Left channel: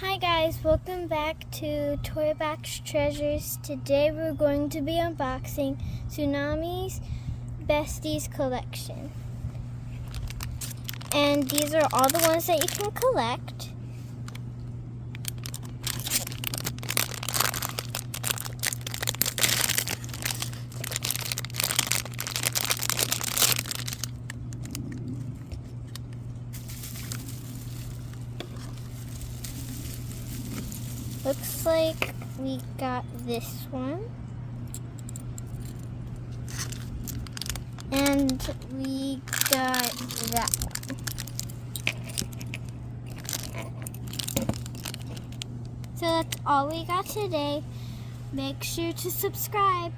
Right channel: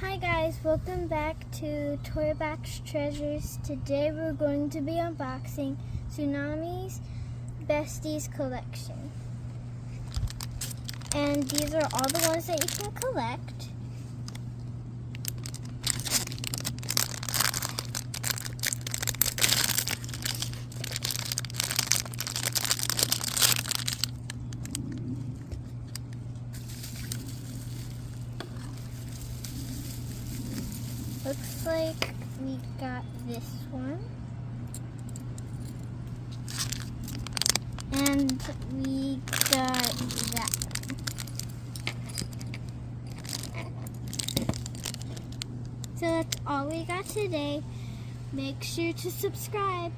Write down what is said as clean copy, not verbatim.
Hi guys, welcome back to Toybox Treasures. Today we're going to be unboxing Tsunaneez Besties collection. And these are all the ones that you can collect. Looks like we got this one. And we got that one. So that's all we got today. Make sure to subscribe.